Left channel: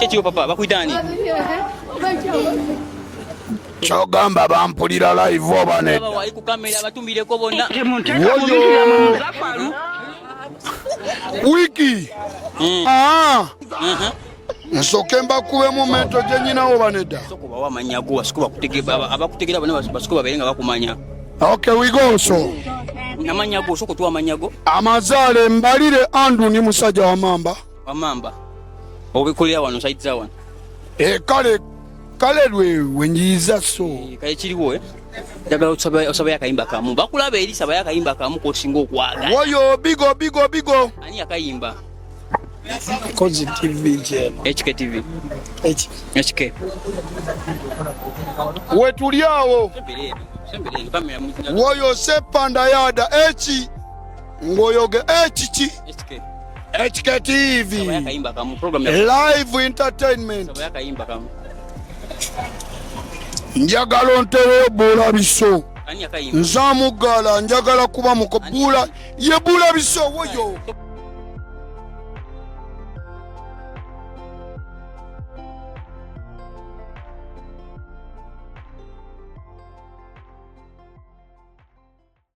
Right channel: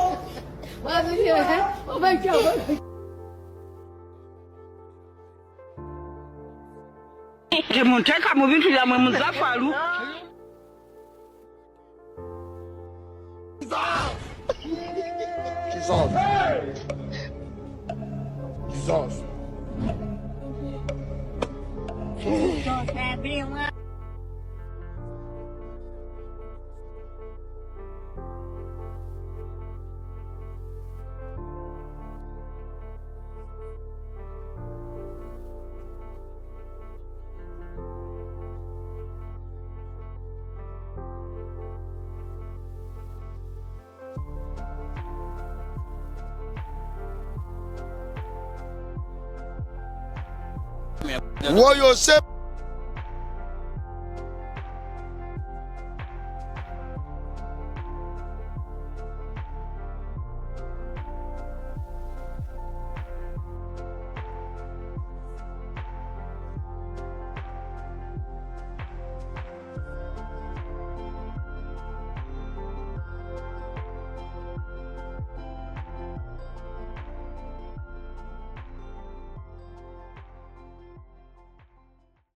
Chechi papa bakuitani. Chogamba bampulira live oba ne. Baba wali ku kamera batumbireko bonna. Temunteka mu bintu byammwe muzafalu. Wiki. Nsoke mbakube mu mento gye nyinawo banedda. Sokuba wamanyago wasikuba kutegeba abakutegera bonna basikuba berenga bakumanya. Okay, we go so. Namanyago soko tu amanyago. Amazale mbalire Andu ni musajja wa mamba. Wa mamba. Obikulira wano saitza wano. Kale lwe wenyiza so. Kale kiriwo Dagala osaba yakayimba kamu. Bakulaba eri saba yakayimba kamu ko singa okwaga. Woyo bigo. Ani yakayimba? Kozi TV je. HK TV. HK. Wetuliawo. Woyo sepanda yada echi. Ngoyoge echichi. HK TV. Saba yakayimba kamu program live entertainment. Saba yakayimba kamu. Njagala ontere bula biso. Ani yakayimba? Nzamugala njagala kuba mukobula ye bula biso woyo.